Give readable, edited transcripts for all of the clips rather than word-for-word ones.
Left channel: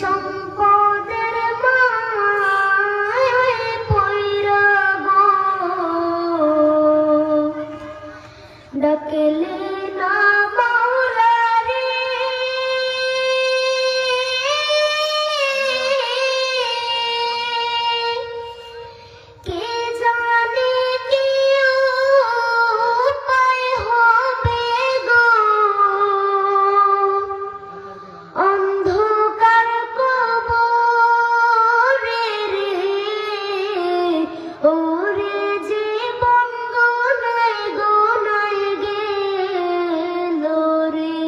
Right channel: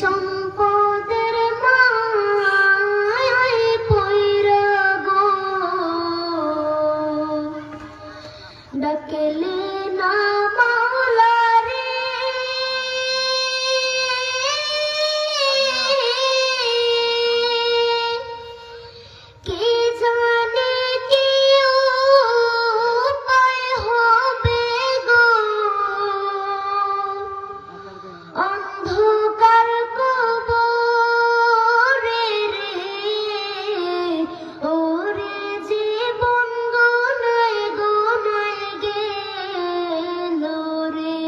সম্পদের মায়ায় পইরা গো ডাকলে না মাওলা রে কে জানে কি উপায় হবে গো অন্ধকার কবরে রে ওরে জীবন গোনায় গোনায় গেল রে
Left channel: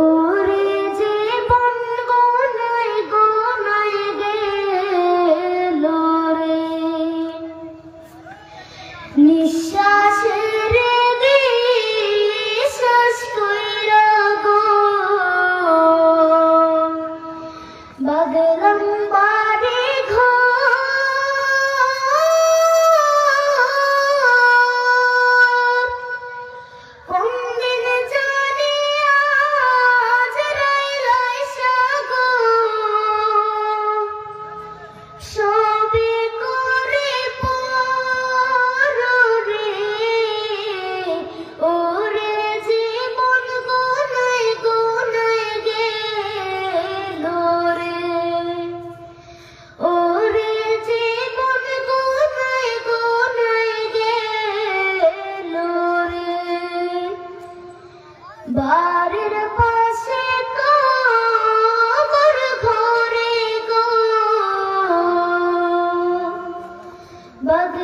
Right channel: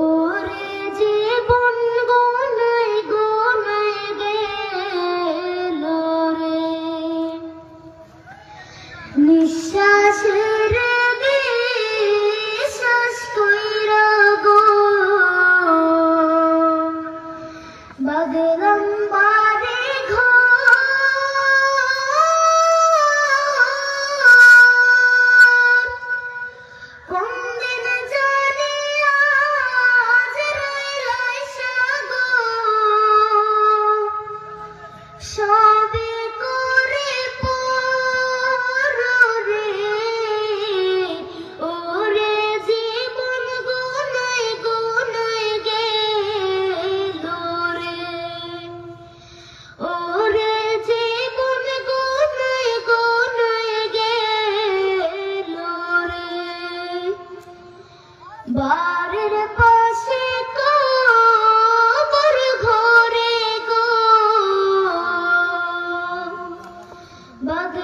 ওরে জীবন গোনায় গোনায় গেল রে নিঃশ্বাসের বিশ্বাস কইরা গো বাগলাম বাড়ি ঘর কোনদিন জানি আজরাইল আইসা গো সবে করে পর রে ওরে জীবন গোনায় গোনায় গেল রে ওরে জীবন গোনায় গোনায় গেল রে বাড়ির পাশে কবর ঘরে গো বাগ